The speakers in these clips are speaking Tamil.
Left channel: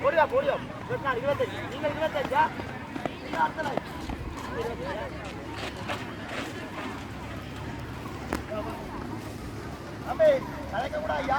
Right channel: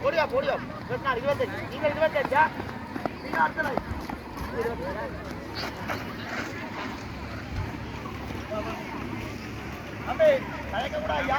போடியா போடியா இருபத்தஞ்சு நீங்க இருபத்தஞ்சா தம்பி கலைக்க கூட ஐயா.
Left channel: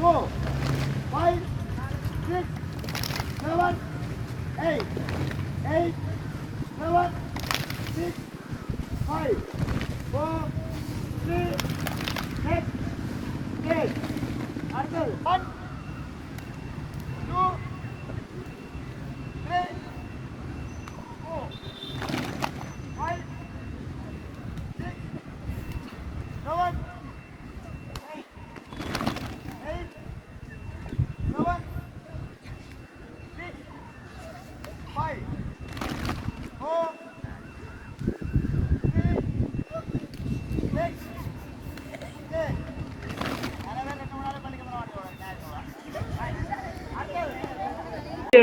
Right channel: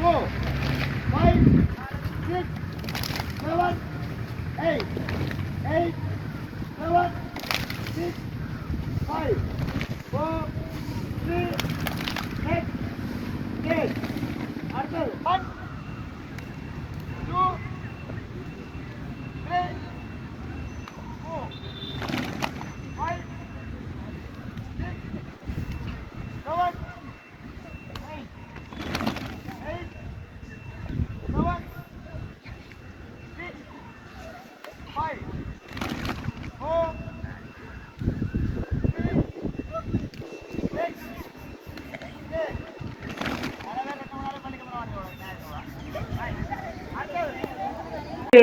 four, five, six, seven, eight, eight,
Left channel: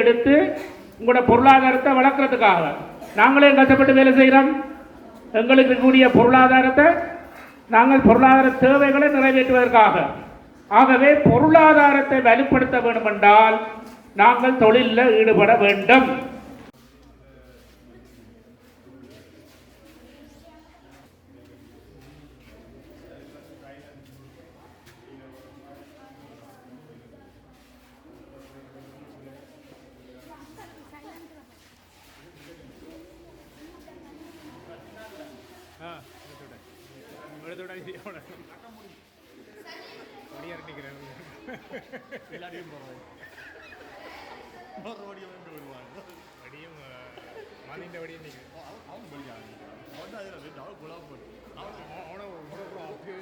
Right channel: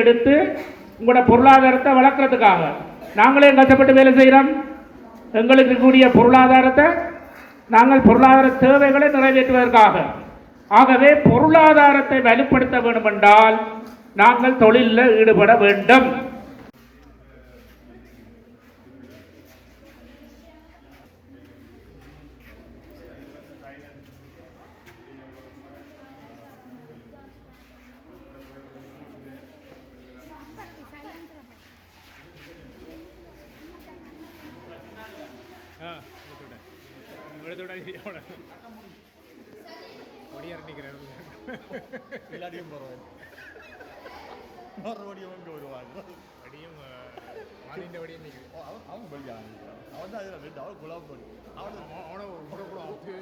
எடுத்து உங்களோட பொருளாதாரத்தை வளர்க்குறதுக்காக. நாங்களே கஷ்டப்பட்டு வேலை செய்கிறோம் எங்களுக்கு கூடிய பொருளாதாரத்தை நாங்கள் பொருளாதார தேவைகளை நிறைவேற்றுவதற்காக. ஆகவே பொருளாதாரத்தை வலுப்படுத்த வேண்டுமென்றால் நாங்கள் தொழிலில் ஈடுபட வேண்டும். எவ்வளோ ஒடியார் நிற்கிறேன் எல்லாரையும் ஒரு வடியும் கொண்டு விடுவாங்க வடியும் மதிந்த அவன் படிக்கிறான் அவன் தான் அதில் ரெண்டு அவன் குலாம் போடு அவன் அவனை கூட கூட அப்படி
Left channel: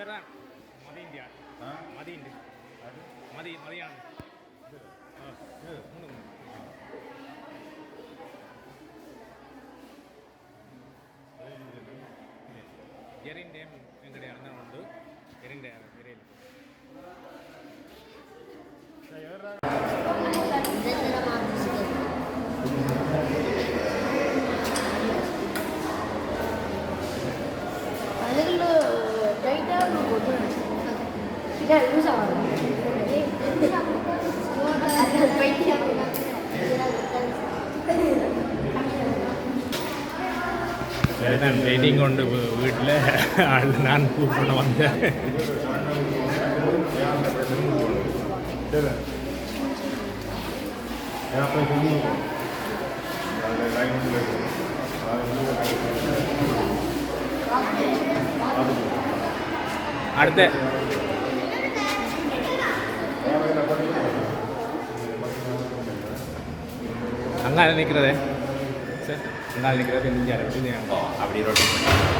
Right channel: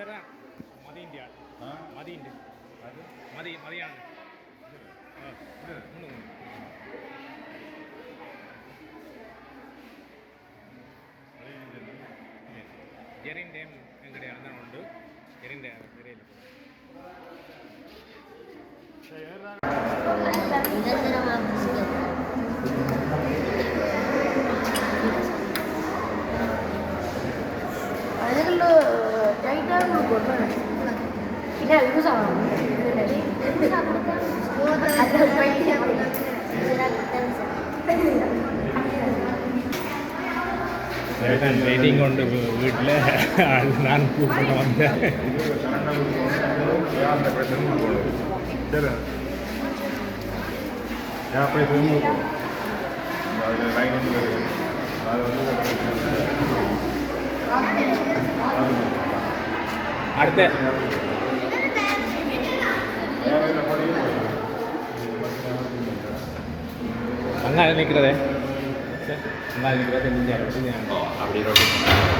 இதுதான் மதியந்தியா மதியண்டு அது மதிய மதியானம் ஒன்று எரின் டேம் எங்கடைய அண்ணன் உண்டு எரின் டேம் பெரியல அதுக்குள்ள ചേട്ടൻ വെയിറ്റിംഗ് കൊണ്ട് വീട്ടിൽ ഞാൻ കൂപ്പിട്ട് വന്നത് அடுத்து. அங்கால நிற்கிறதே சார் அங்கால நிற்கிறத தெரிஞ்சு அரை பற்றி அப்படி ரோட்டு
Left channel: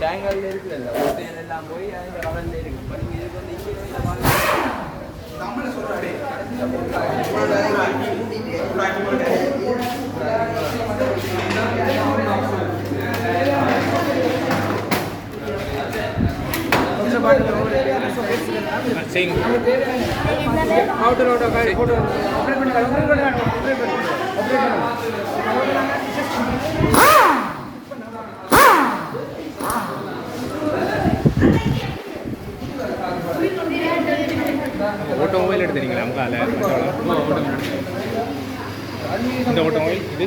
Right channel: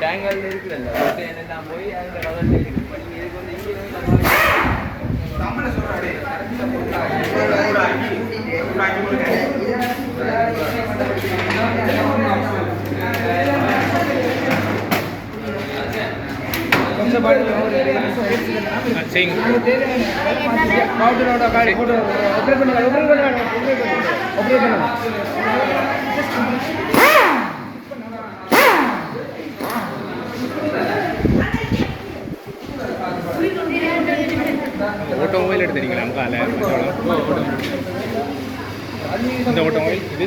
டேங்கல்ல இப்போ டேங்கல் இருக்குல்ல ஒரு எல்லாம் போய் அந்த கடலில் இருக்கு ஓட்டோ மொபைல் எடுத்துறீங்களா நமக்கால இந்த ஓட்டோ மொபைல் இது?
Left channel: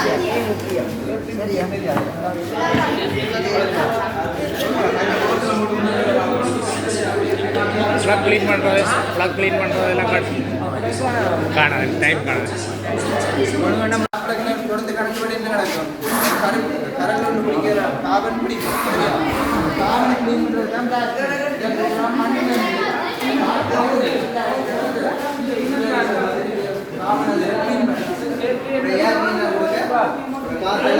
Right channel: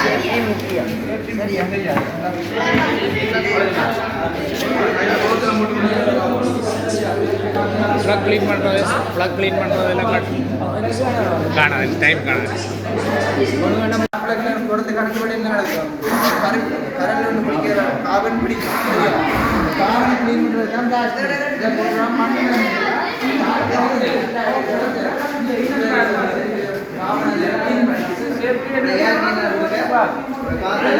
சேர்க்கை முக்கியம் சரியா ப்ளக் க்ளீன் பண்ணுறது ப்ளக் க்ளீன் பண்ணுறது எல்லாம் காட்டு காணாது டைம் காணாது. காவன் பிடிக்கிறது కాదు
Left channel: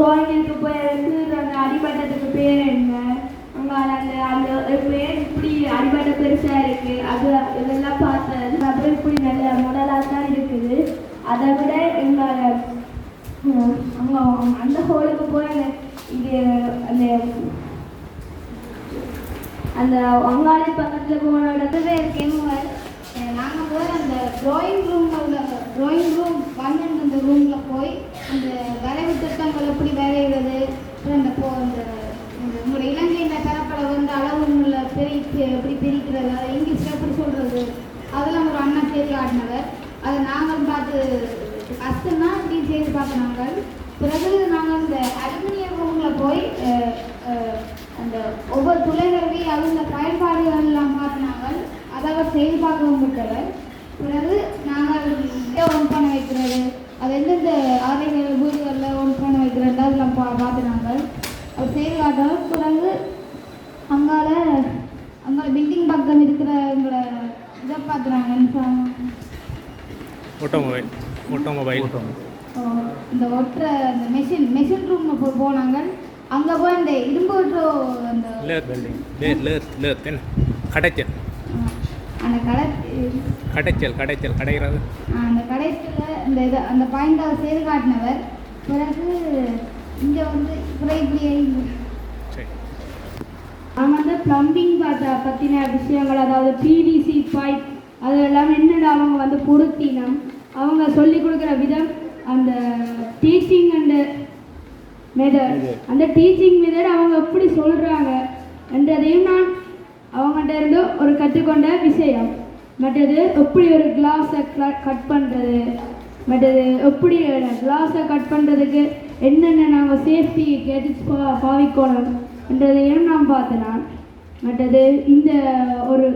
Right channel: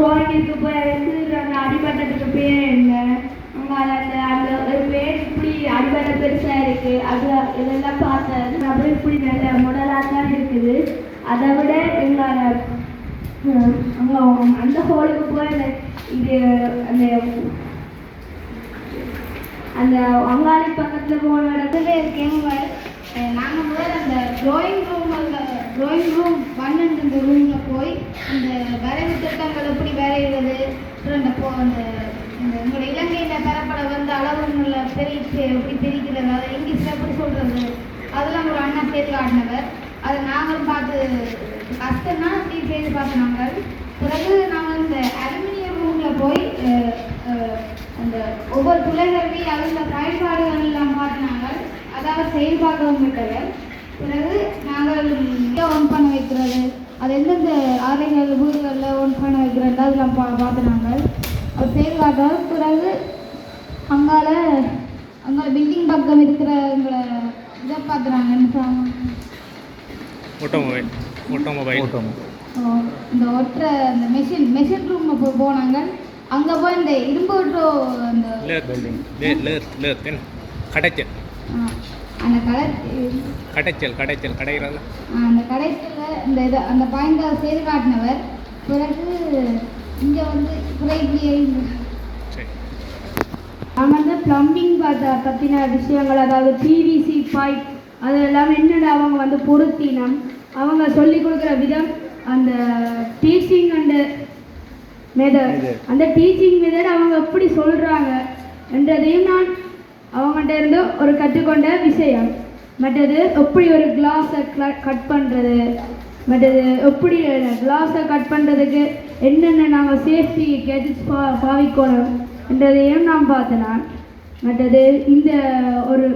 கோயிலுக்கு போய் எடுத்து அந்த அடிமட்டத்துக்கு பேர் என்ன? அங்காட அந்த பேர் இப்படி அடிபட்ட பெருசாக இருக்கு. அது இதெல்லாம் பார்த்தேன் அப்புறம் இப்படி நல்ல முடலாக தான் இருக்குது. அதை விட எங்களோட அஹ், அந்த ஹோலுக்கு போய் அந்த இது அந்த அந்த வங்காளி பக்கத்தில் போன இடத்துல இருக்கேங்க நாங்கள் போய் அந்த ட்ராயிங் ரூம் ட்ராயிங் ரூம் பன்னெண்டு அந்த ரூமில் போய் அந்த வரவு திட்டங்கள் எப்படி வரைகிறது? அப்புறம் இந்த போ அந்த உங்களோட இலங்கையில் தரப்பட வந்த அளவுள்ள பிரித்து எப்படி பிரிக்கிறது? அதை இங்கிலீஷில் எப்படி சொல்கிறது அதெல்லாம் ஒரு அண்ணா தேர்வு ஆடினவர். அதை நாங்களும் பார்த்து கஷ்டம்னா அப்படி செய்து பார்த்தோம் நாங்கள். பிறகு நாங்கள் இந்த அலுமினியம் ரூமில் போய் அந்த ஒவ்வொரு துளைகளுமே அதில் பயன்பாடுகள் எல்லாம் மாற்றினாங்க அதாவது செயல்பாகவும் விட்டவர். பிறகு நாங்கள் ஒன் பண்ண வைக்கிறது. அது எந்தெந்த ஆலைகள் வீடுகளில் ஒன் பண்ண வைக்கிறது அதெல்லாம் பா பார்த்து நாங்கள் அது செயல்பாட்டோம் பிறகு அங்கால அங்கே பில்டிங் பக்கம் இருக்கிறவங்களை இதை பார்க்குறாங்கன்னு சொன்னாங்க ஆட்டோமொபைல் ஆட்டோமொபைல் ஓ, இந்த ஒற்ற அந்த மெஷின் மெஷின் ரூம் போ போனாங்க. அங்கே போய் இந்த இரும்பு ஒட்டோ அந்த lathe building lathe lathe lathe ஆ, அந்த கடை கடைச்சல் கடைச்சல் கடைகிறது அந்த கடைசியில் இந்த இது அந்த பாயிண்டை செய்து காட்டினவர். பிறகு இங்கே வந்து குறைபிளியை சரி. நான் வந்து ப்ளம்பிங் பார்த்த பற்றின விஷயங்கள் அதாவது பிவிசி பைப் அதெல்லாம் என்னென்ன அவங்க வந்து பொருத்தினம்? அவங்க சொல்லி கொடுக்குற விதம் அந்த டீச்சிங் அண்டு மெதட் அந்த டீச்சிங் மெதட் அவங்க எப்படி சொல்கிறாங்க என்றதையும் நான் அவங்கள்ட்ட இருந்து ஒரு கற்றுக்கொண்ட விஷயம். மற்றது எப்படி ஒரு கிளாஸை கட் பண்ணுறது மற்றது எப்படி கிளாஸை கட் பண்ணுறதுக்கு என்னென்ன நாங்கள் சேஃப்டி கேட்டு பா பாவிக்கணும் என்றதையும் நான் பார்த்தேன் மற்றது இந்த ஒரு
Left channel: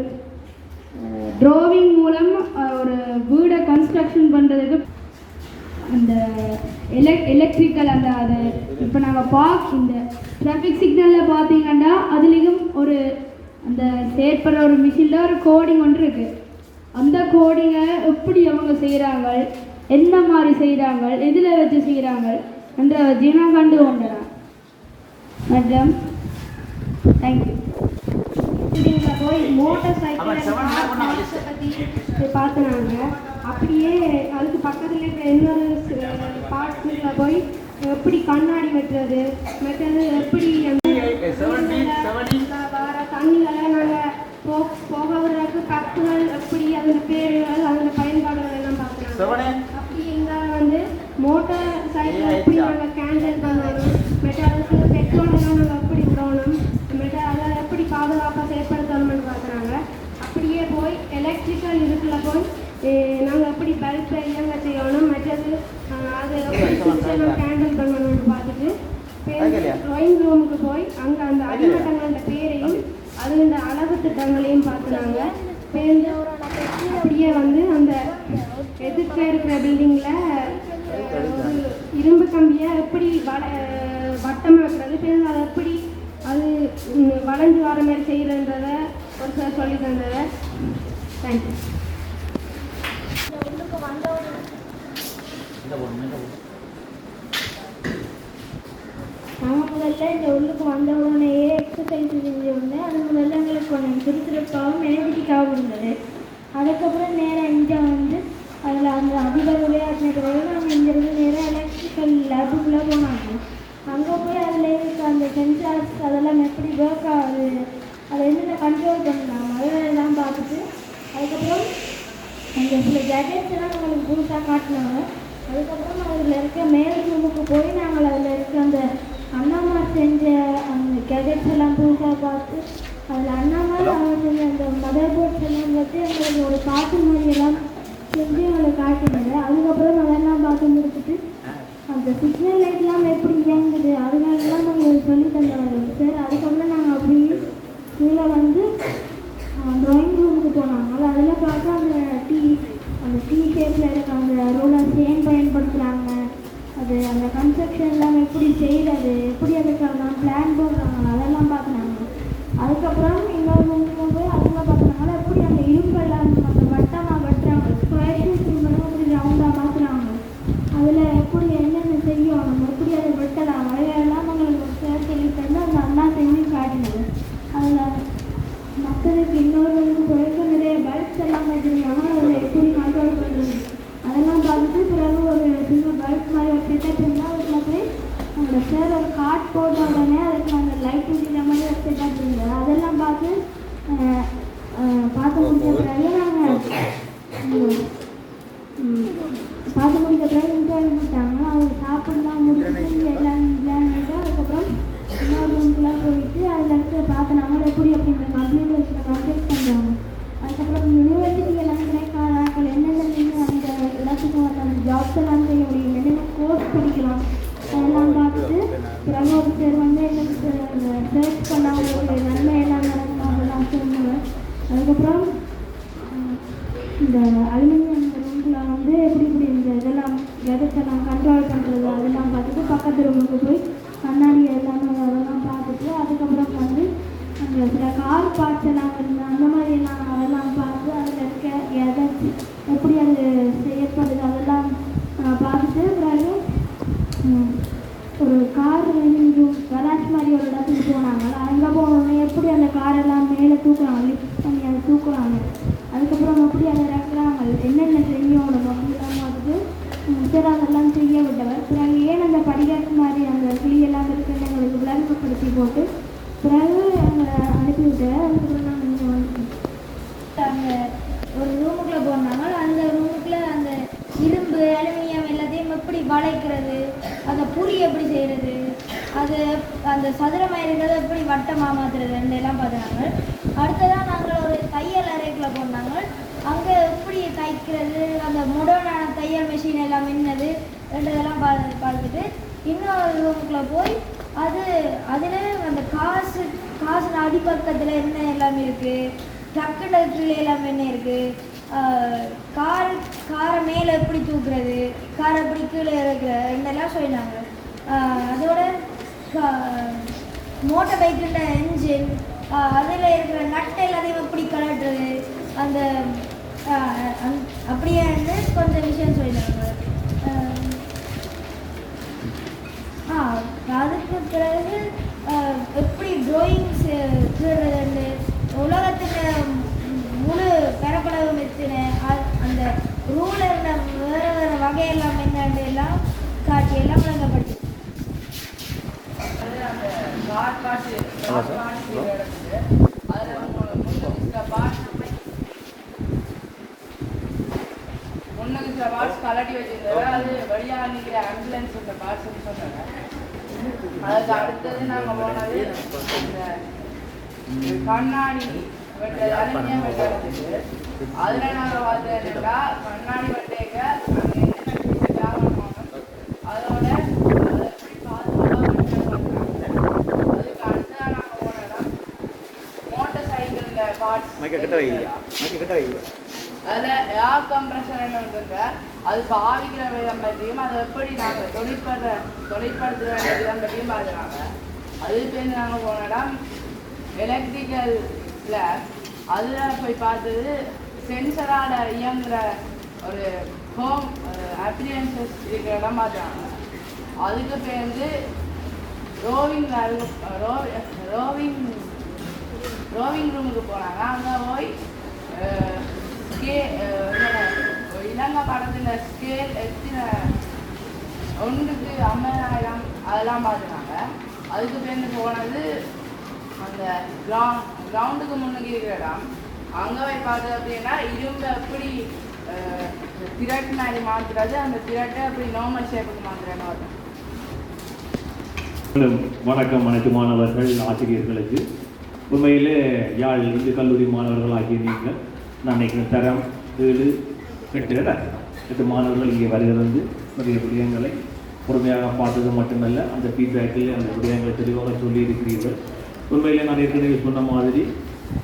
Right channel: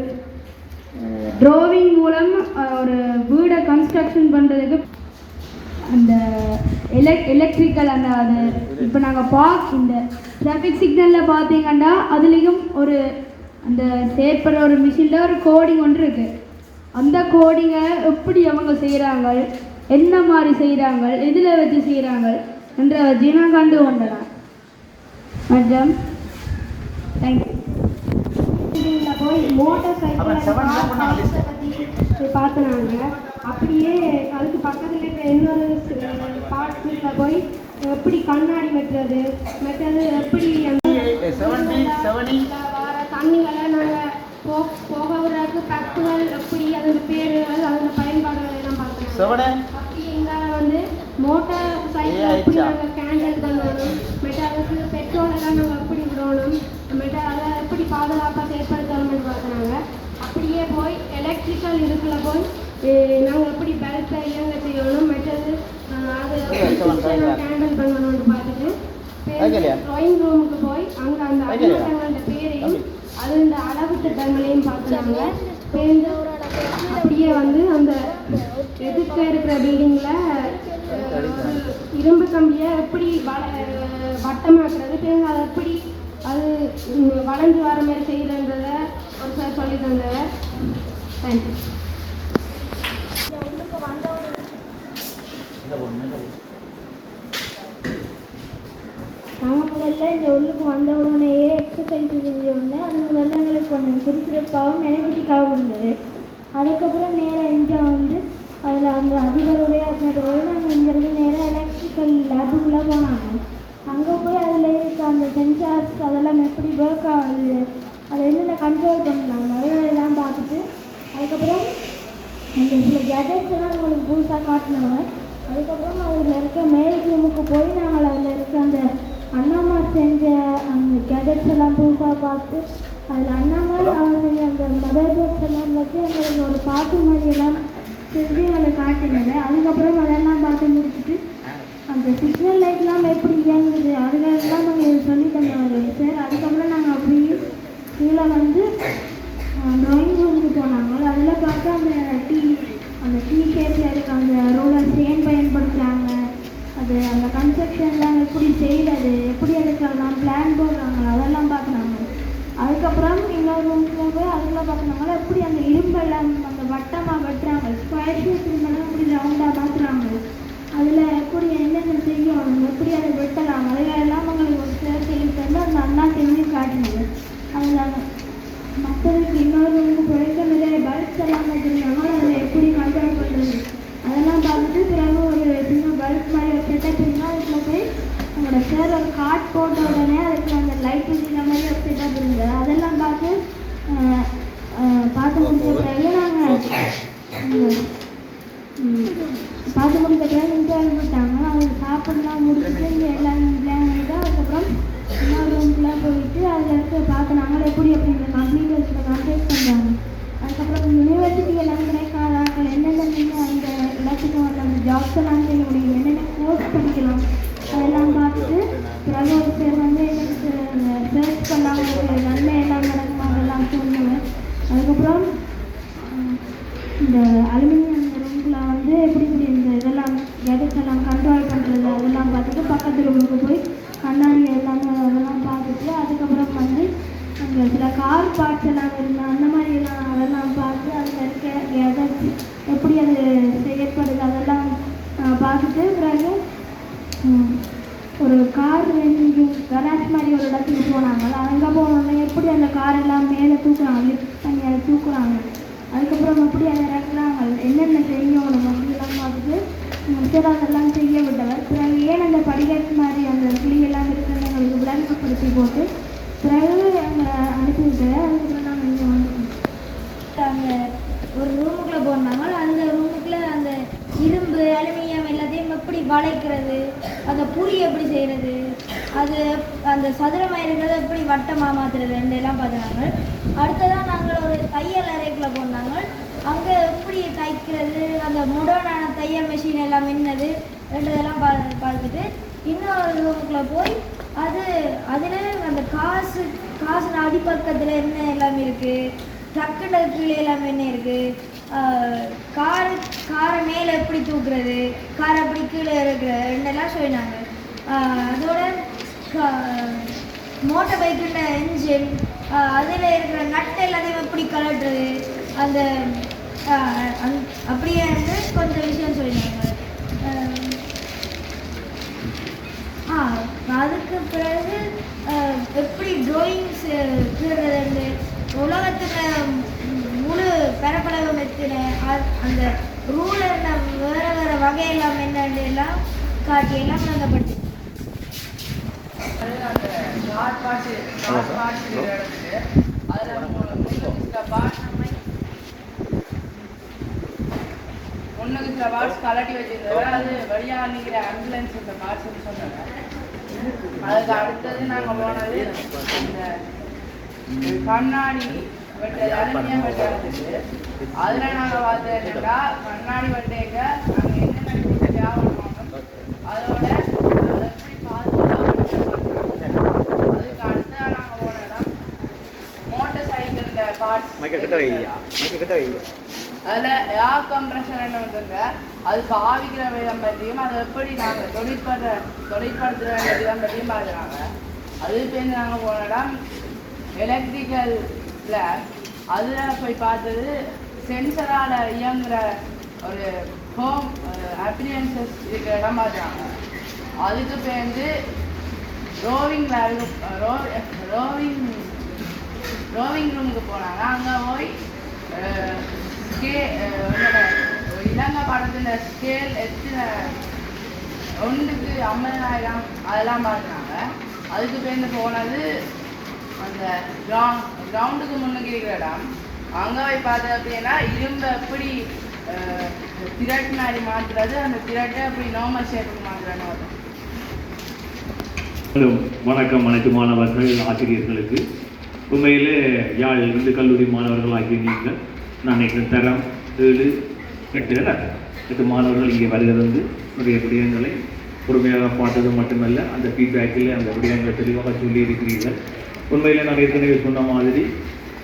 ட்ராவிங் மூலம் ஒரு வீடை கன்ஸ்ட்ரக்ஷன் பண்ணுறதுக்கு அந்த எலக் எலக்ட்ரிக்கல் அந்த அது இப்போ நாங்கள் பார்க் இந்த ட்ராஃபிக் சிக்னலில் பார்த்தீங்கன்னா அதுலேயும் ஒரு அந்த செயற்படுற ஒரு மிஷினில் ஒரு கோடிங் ஒன்று இருக்குது அந்த கோடிங்கை எப்படி அவங்க செய்கிறாங்க என்ன மாதிரி செய்கிறாங்க எதில் வச்சு செய்கிறாங்க என்ற வச்சு நான் கண்டு கொண்டேன் மற்றும் தேங்க்யூ போய் மோட்டார் சைக்கிள் பற்றி பார்த்துனாங்க அப்படியே அதுக்கு பக்கத்தில் இருக்கிற இன்னொரு பார்ட்ஸில் போய் எப்படி கண்ணாடி வெட்டுறது மற்றது எப்படி வர தண்ணிகளை நாங்கள் போ போக விடுறதுக்கு கப்புகள் எப்படி அதோட பேருகள் அதோட பயன்பாடுகள் எல்லாம் பார்க்குறாங்க அப்படி எங்களை வந்து மோட்டார் சைக்கிள் எப்படி நாங்கள் கேண்டில் பண்ணணும் மெட்டாலுக்கு பெட்ரோல் எல்லாம் நாங்கள் எப்படி விடணும் மெட்டால எப்படி பாதுகாப்பாக செயற்படுத்தணும்னு பார்க்குறாங்க. அப்படியே போய் எலக்ட்ரிக்கல் இருக்குல்ல போய் நாங்கள் எப்படி பல்பை இயங்க செய்யணும்? மற்றது அதை கேண்டில் பண்ணணும்னு பார்த்துட்டு ட்ராயிங் ரூமுக்கு போய் அங்கே அந்த அடிமட்டங்களோட பேரையும் அதோட அளவு திட்டங்களையும் பார்த்துனாங்க. சேர்ந்து அப்படியே வந்து அந்த எதிர்க்க இருக்கிற பில்டிங்கில் ஒரு இரும்பு கம்பியை எப்படி வள வட்டமாக்குறது பிறகு அதை எப்படி அது வளைஞ்சு வர மாதிரி செய்கிறன்றத ஒரு சார் சொல்லி தந்ததை. தேங்க்யூ நான் முதல்ல இந்த உள்ளுக்கு வந்த உடனேயே எக்ஸசைஸ் செஞ்சோடனே அது முதல்ல எங்களுக்கு கொஞ்சம் சுறுசுறுப்பாகவும் எனர்ஜெட்டிக்காகவும் இருந்தது. அதுக்கப்புறம் நேராக இங்கே வந்து அதில் அந்த அதிபர் உரையாற்றின நாங்கள் இங்கேருந்து நேராக எலக்ட்ரிக்கல் லேபுக்குள்ளே போனாங்க. அங்கே போய் அதில் இருக்க அந்த சென்சார்ஸ் அதெல்லாம் எப்படி ஒர்க் ஆகுது அதை என்னென்ன கண்ட்ரோல் பண்ணலாம் அதெல்லாம் பார்த்துட்டு அதுக்கப்புறம் அந்த சில கேஜெட்ஸ் எல்லாம் நம்மளுக்கு புதுசாக காட்டினாங்க. அதுக்கப்புறம் அதில் இருக்க மேல் ரூமுக்கு போய் நாங்கள் அதில் இருக்க அந்த அண்ணாமார் செஞ்ச அந்த கேஜெட்ஸ் எல்லாம் புதுசாக பார்த்து அதில் அண்ணாமார் அவங்க செஞ்ச அந்த மதர் போர்ட்ஸ் எல்லாம் வச்சு எங்களுக்கு ஒரு பாட்டு மாதிரி எல்லாம் செஞ்சு எங்களுக்கு காட்டினாங்க அதுக்கப்புறம் அதெல்லாம் பார்த்து முடிச்சுட்டு அந்த சிக்னல் லைட்லாம் எப்படி இயங்குது அதுலாம் நாங்கள் சொல்லி தந்தாங்க சார் அதுக்கப்புறம் நாங்கள் அப்படியே கீழே வந்து ட்ராயிங் ரூமுக்கு போனாங்க அதில் பார்த்தா அந்த டீ அந்த டீ ஷேப்பில் இருக்க அந்த ரோலர் சேன் பயன்படுத்துகிறாங்க அது அந்த கன்ஸ்ட்ரக்ஷன்லாம் எப்படி செய்கிறது எப்படி அதுக்கெல்லாம் பிளான் போடுறாங்க அதெல்லாம் பார்க்குறாங்க அதுக்கப்புறம் இன்னொரு ரூமுக்கு போய் அதில் பார்க்குறாங்க எப்படி அந்த இரும்பெல்லாம் அந்த வட்டமாக வெட்டுறாங்க ஸ்கொயர் ஷேப் இரும்பெல்லாம் எப்படி ரவுண்டாக மாற்றுறாங்க அதில் எப்படி என்னென்ன செய்யணும் எப்படி அதை வெட்டலாம் அதெல்லாம் அவங்களுக்கு ஒரு சார் சொல்லி தந்து அந்த அண்ணா செஞ்சு காட்டினது அதில் அந்த சார் ஒரு கார்ட் போட்ட உடனே அதுக்கு அந்த லைட் ஊதின மாதிரி ஒரு செட்டப் இருந்தது அதெல்லாம் பார்த்து அஹ், அஹ், பார்த்து முடிஞ்ச பிறகு நாங்கள் பார்த்து முடிஞ்ச பிறகு இன்டர்வியூ விட்டாங்க அவங்க சாப்பிடலாம் முடிச்சுட்டு இங்கே எல்லாம் பிளான் பண்ணிட்டு அதுக்கப்புறம் இன்னொரு ரூம்க்குலாம் போயிட்டு அதில் இருக்க பார்த்து நாங்கள் எப்படி எப்படி இந்த கம்ப்யூட்டர்ஸில் கான்டாக்ட் பண்ணுறாங்க அதுக்கப்புறம் யூனிவர்சிட்டி எல்லாம் கிடைக்காத நாங்கள் என்னென்ன நீங்கள் அந்த இடத்துக்கு வந்து அந்த செய்ய முடியும் என்னென்ன கோர்ஸ் படிக்கலாம்? அதெல்லாம் பார்த்துட்டு பிறகு ஒரு பேர் வந்து எனக்கு சர்ச் பண்ணாங்க ஒரு நன்மை எல்லாம் நடக்கும் அதெல்லாம் சொல்லுவேன். அதுக்கப்புறம் உம், இந்த அலுமினியம் ரூமில் வந்து எப்படி இப்படி இந்த இதெல்லாம் கேஜெட்ஸ் எல்லாம் கண்ட்ரோல் பண்ணுறது அதெல்லாம் பார்த்துட்டு பக்கத்து ரூமுக்கு போய் கண்ணாடி எல்லாமே அதெல்லாம் பார்த்துட்டு அதுக்கப்புறம் வந்து அங்கே சில கார் பார்ட்ஸ் எல்லாம் இருந்து அந்த மாதிரி எல்லாம் அதெல்லாம் பார்த்து அதில் இருக்க கேஜெட்ஸ் எப்படி அது செய்யப்படுது அதெல்லாம் ஆஹ், பார்த்துட்டு பிறகு உம், ஒரு கார் ரெண்டு கராஜ் மாதிரி ஒரு இடத்துக்கு போனாங்க. அங்கே போனோடனே எப்படி அந்த காரெல்லாம் மேலே தூக்குறாங்க? லிஃப்ட் பண்ணி அதை தூக்குறாங்க. அதுக்கப்புறம் எப்படி அதை இறக்குறாங்க. என்னென்ன செய்யணும்? அப்படிலாம் பார்த்துட்டு உம், அதெல்லாம் செய்ய விட்டவர். பிறகு ஏன் அந்த படிக்கட்டு மாதிரி அந்த கிளியெல்லாம் இருக்குன்னு எங்களுக்கு விளங்கப்படுத்தி போட்டு பிறகு அங்கே அனுப்பி விட்டார் அதுக்கப்புறம் நாங்கள் இங்கே வந்துட்டோம். அங்கே ஒரு ரூமுக்குள்ளே போனாங்க. அந்த ரூமுக்குள்ளே அந்த இரும்பு அலுமினியம் எப்படி வளைக்கிறது அந்த புளி எப்படி செய்கிறது அது அந்த சதுரமாக இருக்கிறத எப்படி வட்டமாக மாற்றுறது எல்லாம் பார்த்துனாங்க அடுத்ததாக நாங்கள் ஒரு தையல் அறைக்குள்ளே போனாங்க. அங்கே எப்படி தைக்கிறது அந்த முடனான தையல் மிஷின் எல்லாம் மின்னது ரெண்டதெல்லாம் பா பார்த்துட்டு இன்னொரு ரூமுக்குள்ளே போய் அது அதில் அந்த காசு காசு அடிப்பக்கத்தில் என்ன எல்லாமே இருக்குது ட்ரக்குல கீழே எல்லாமே என்ன இருக்குது கார் காரை மேலே எப்படி தூக்குறது? காரை எப்படி கீழே இறக்குற ரெண்டெல்லாம் சொல்லினாங்க. அதோட மோட்டர் பைக்கில் என்ஜின் அதில் இருக்கிற நட்டு எல்லாத்தையும் எப்படி கலட்டுறது அந்த அப்படியே வந்து கொஞ்சம் விஷயம் சொல்லினாங்க. ஆ அதுக்கு பிறகு எப்படி ட்ராயிங்ஸ் கீறுறதுன்னு உலகத்தில் முழு பரப்பளவு மெத்தின அந்த ரூலரில் வேறு வேறு வகையெல்லாம் என்னன்னு எல்லாம் காட்டி எல்லாம் விளங்கப்பட்டு அந்த ஒன்றுக்கு சில பார்ட்ஸ் கலட்டி வச்சிருந்தவ அது வழியாக நிற்கிற ஆம்புலன்ஸ் இந்த பார்ட்ஸ்னு சொன்னாங்க அதுக்கு அடுத்தது நாங்கள் போனது இந்த கண்ணாடி வெட்டை அலுமினியம் வெட்டை இருந்துச்சு அதில் நாங்கள் பார்த்தது என்னன்னா கண்ணாடி வெட்டைக்க நாங்கள் வியாபாரம் பண்ணணும் அதோட அதை எப்படி பாதுகாப்பாக அதுக்கு அடுத்ததாக நாங்கள் போன இடம் மோட்டார் சைக்கிளில் பார்ட்ஸ் அதில் ஏர் கம்ப்ரஷர் என்ன வந்துங்க அது பாவிக்கிற விதம் பற்றியும் அதை எப்படி நாங்கள் தொழிற்படுற தொழிற்படுத்துகிற விதம் பற்றியும் பார்க்குறாங்க. அதுக்கு நாங்கள் போன இடம் எலக்ட்ரிக்கல் லேப் அதில் போய் பார்த்தது சென்சரால் இயங்குகிற ஒரு ஹோம் அப்ளியன்சஸ் இருக்கிற இடம் பார்த்தாங்க அதுக்கு பேருந்து ரோவிங் ரோ ரோவிங் ரோவிங் ரூமுக்கு போனாங்க. அங்கே போய் ஸ்கே இலங்கை படத்தில் ஸ்கேல் எத்தனை ஒன்றுக்கு ஐம்பதாயிரம் அதெல்லாம் பார்த்தாங்க அதுக்கு பேருந்து போனது அந்த கிராம் கிரவுண்டுக்கு முன்னுக்கு இருக்கிற இடம் அங்கே போய் பார்த்தது அப்படின்னா இரும்பை எப்படி அஹ், திரட்டு மாற்றுறது அந்த திரட்டை அப்படி நார்மல் ஷேப்புக்கு மாற்றுறதுன்னு பார்த்தோம் வணக்கம் அனைத்து மாணவர்கள் ஆசிரியர்களுக்கு. உண்மையிலே யாழ் இந்து கல்லூரி மாணவர்கள் ஆகிய நீங்கள் நான் நினைக்கிறேன் தரம் ஏழு எட்டு எட்டு மாணவர்கள் இங்கே வருகிறது. வந்து நிறைய விடயங்களை பொறுமையாக பார்த்தது மட்டுமல்ல அந்த ஃபீட்பேக்கில் அந்த விடயங்களை தெளிவாக சொல்லி இருக்கிறீர்கள் உண்மையில் நான் ஏற்கனவே சொன்ன மாதிரி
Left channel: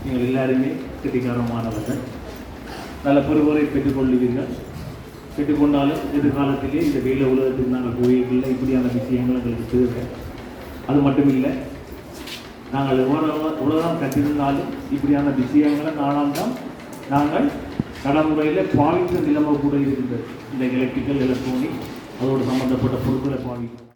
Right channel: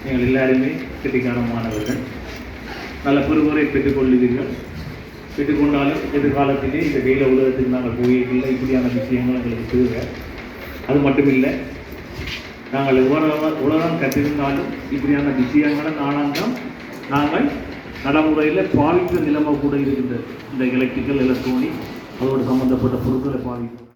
நீங்கள் எல்லாருமே கிட்டிக்கானமானவர்கள் நல்ல பொறுப்புரை பெற்றுக்கொள்ளுவீர்கள். பெற்றுக்கொண்டாலும் எதிர்காலத்திலே இந்த வேலை உலகத்துக்கு நாங்கள் போயிருக்கல இப்படியான விஷயங்கள் எங்களுக்கு தேவை. அது மட்டும் இல்லை நாங்கள் எவ்வளவு உலகம் கற்றிருந்தாலும் இப்படியான விஷயங்களை தான் நாங்கள் நடைமுறையில் பாவித்த நிலைமை கூட இருக்கின்றது. இந்த எலக்ட்ரிக்கல் எலக்ட்ரானிக் அதோடு சம்மந்தப்பட்ட பொருட்களை பாவிக்கிறோம்.